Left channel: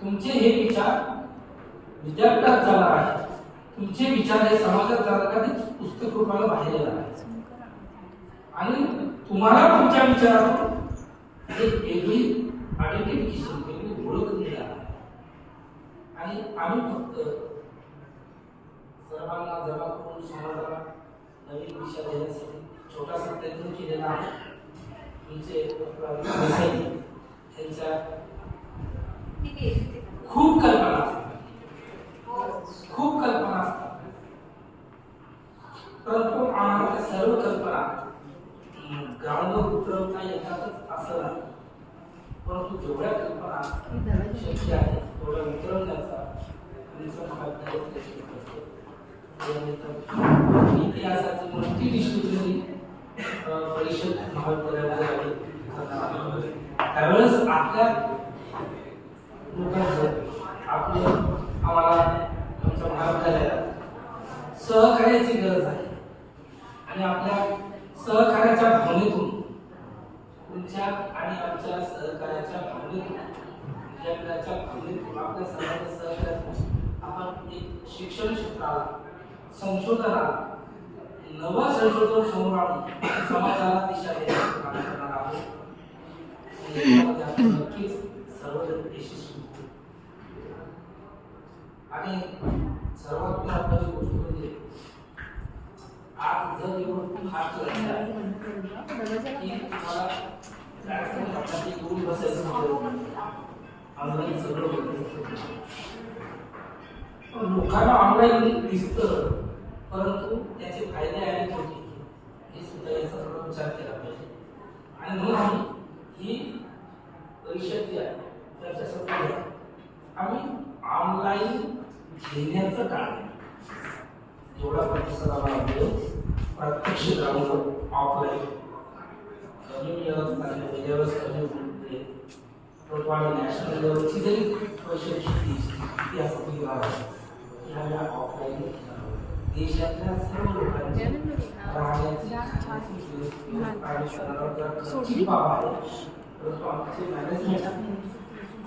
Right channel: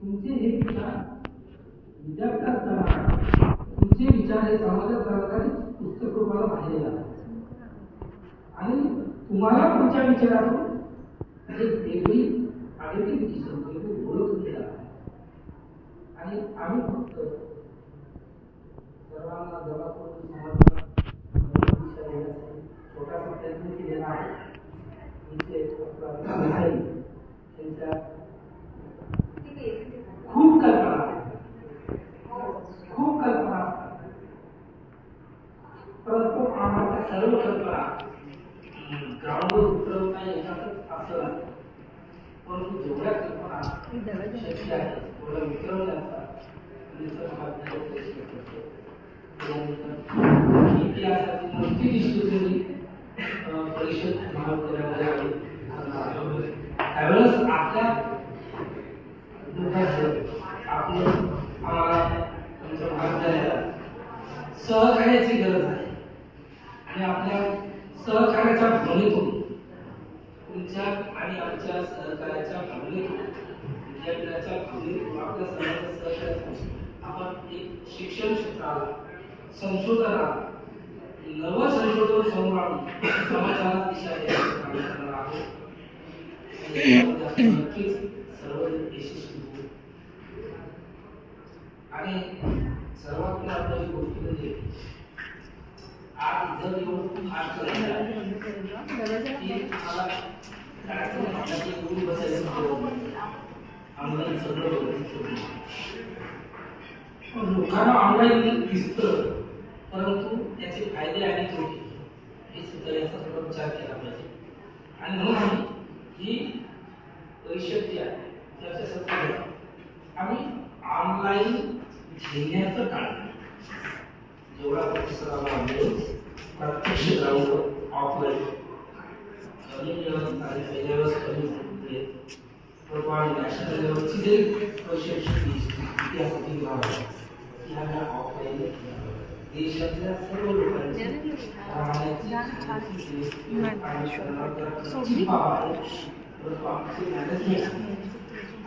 तुमचे हे विचार विद्यापीठात जाणार आहे, तुमचे विचार हे समाजात जाणार का ते पुस्तक रूपाला बाहेर येणार आहे आणि तुम्हाला तुमच्या विचारातून एक वेगळी आयडेंटिफिकेशन, वेगळी ओळख मिळणार आहे. आणि आम्ही फक्त सर्वांना जमा करून समाजाला नवीन दिशा देण्यासाठी छोटासा प्रयत्न केलेला आहे. तुमचे त्यांच्या खूप कल्पना असतात, परंतु आम्हाला त्या सर्व कल्पना ग्राउंडवर उतरवता येतातच असं नाही. परंतु जेवढ्या कल्पना शक्य आहे तेवढ्या उतरवण्याचा इतिहासाची मंत्री डिस्ट्रिब्युटरी परिषद महाविद्यालयामध्ये त्यावेळेस आपल्या आम्हाला आमच्या महाविद्यालयाला सहकार्याची गरज आहे आणि आपल्या सहकार्याच्या भावनेतून तुमच्या आणि आमच्या सहकार्याच्या भावनेतून विद्यापीठाच्या भावनेतून आपल्या सर्वांच्या सहकार्यातून आपण एक शिक्षण क्षेत्राला, संशोधनाला नवं संशोधन समोर आणून समाजाला दिशा देण्याचं काम करणार आहोत. नक्कीच सर्व यशस्वी होतील. आणि सर्वात महत्त्वाची गोष्ट म्हणजे आज जर एवढं खूप हात करायचं की मला कार्यक्रम आपल्याला येऊन बसायचं ऑनलाईन सगळं बघायचं. लोकांना ऑनलाईन दिसतं, परंतु त्याचे फायदे आणि तोटे हे सुद्धा याचा थोडा विचार केला पाहिजे. आणि म्हणून आम्ही ही परिषद जी आहे त्याच्यासाठी आम्ही ऑनलाईन घेण्याचं टाळलं. जेवढा प्रतिसाद आला प्रत्यक्ष ग्राउंडवर ऑफलाईन कमी मिळत नाही त्याच्यावरच कमी होते. नॅशनल लेवलची जरी परिषद इतिहासातील गाव आहे ती आम्ही ऑफलाईन देशातल्या सर्व लोकांची राहण्याची बाब आहे. परंतु आमचे मॅनेजमेंट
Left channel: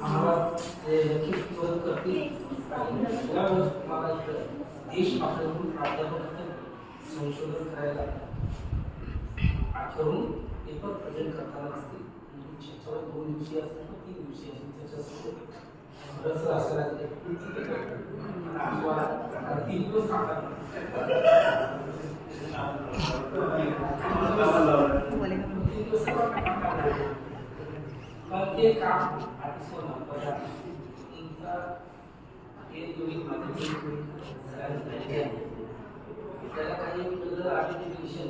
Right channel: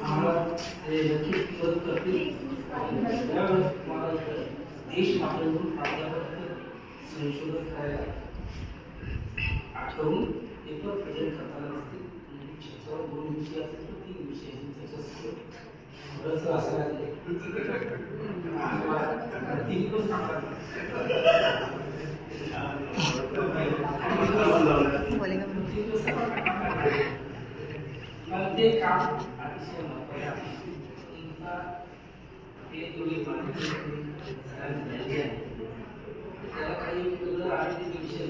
आम्हाला नक्कीच मदत करतील. त्यावेळेस तुम्हाला इथं देश पातळीवरून प्राध्यापक संशोधन करायला आठवून पेपर प्रेझेंट करताना असतील. 2 दिवशी असेल तर 3 दिवशी असेल त्याच्यासाठी बरंच असं लागते. पण ते काम अतिशय महत्त्वाचं आहे. हे तुम्ही त्याला काही वेगळं आयडेंटिफिकेशन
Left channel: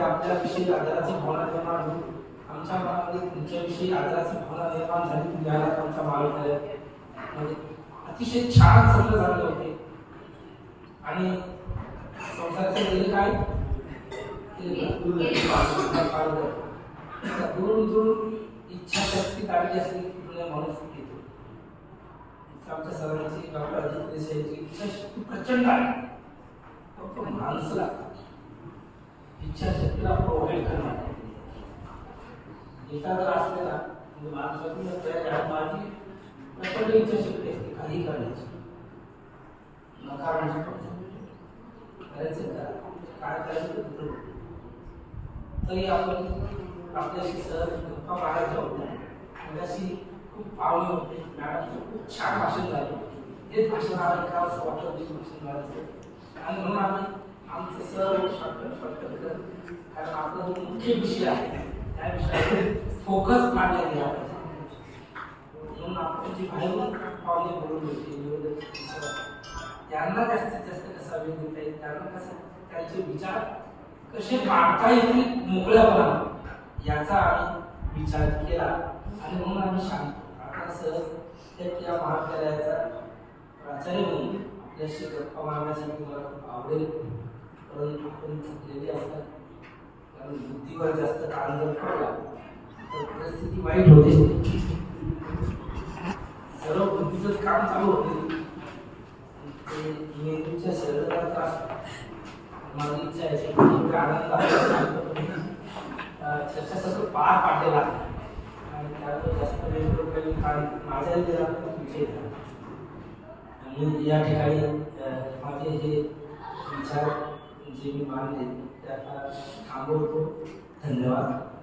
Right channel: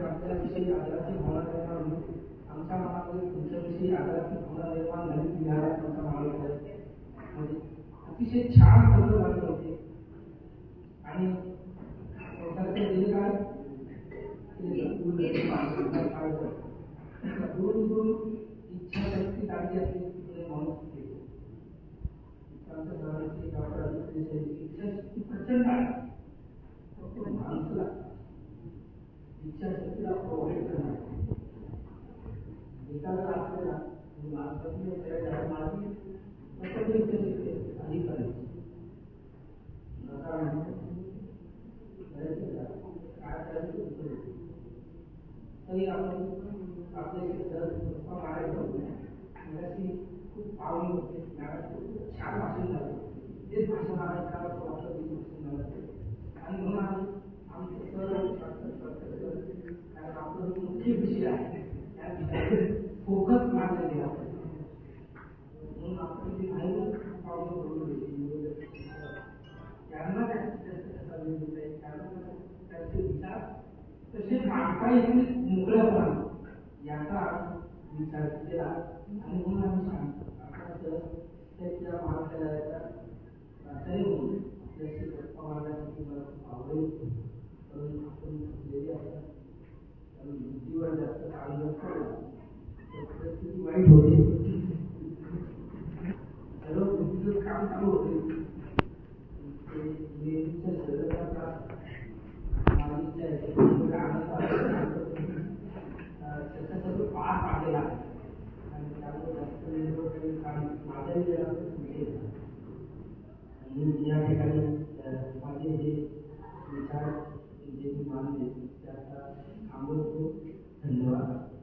आपल्याविषयी आदराची भावना निर्माण होईल. आमच्या मनामध्ये तुमच्याविषयी आदराची भावना निर्माण झाली. तुम्हाला आमच्या महाविद्यालयामध्ये अतिशय छान सगळं झाले होते. आणि संसाराचे गेले काय दूर इच्छाशक्ती काढली असली की माणूस येतो. आमच्या सर्वांची डॉक्टर अजित देसाईची इच्छाशक्ती प्रचंड आहे. फक्त माणसं लागतात. इच्छाशक्तीला प्रोव्हाइड करणार एका जर असलेला म्हणजे माणसाची माझी प्रचंड इच्छाशक्ती असते काही करण्याची. नकार करायचं का काय करायचं तरी आपण आपल्याशी सहज गप्पा मारायच्या होत्या. माझ्याशी खूप पावली होते. मॅडमचं खूप छान भाषण झालं. तेच भाषण आम्ही का असं वाटलं ते भाषण झालं. आणि म्हणून आम्ही आमचं सर्व शॉर्टकट कारण आपला जो मुख्य विषय आहे त्या विषयावर फोकस मांडला गेला पाहिजे. म्हणून आपण जी बाहेरून पावले बोलून होती त्यांना जास्तीत जास्त कसा वेळ देता येईल, त्यांना कसं त्यांचे विचार कसे मांडता येतील मोकळ्यापणा याचा आम्ही विचार केला. आणि म्हणून आम्ही सांगतो आता सहज या महाविद्यालयाचा प्राचार्य म्हणून आपल्याशी गप्पा मारण्यासाठी मला खूप आवडेल. परंतु आपण थकलेले असतात कारण बुद्धीवर जास्त ताण जर पडला तर परिस्थिती वाईट होते. सर्व बुद्धीचं काम चालू होते. मेंदूच्या शरीराला त्रास माझी इच्छा आहे आनंद त्याच्या सगळं पार पाडलेला आहे. आणि त्यामुळे जास्त वेळ करून काल माझ्याही घरात विषय झाला. आणि या ठिकाणी माझे हे विचार जे मी मानले ते आता थांबवतो. धन्यवाद.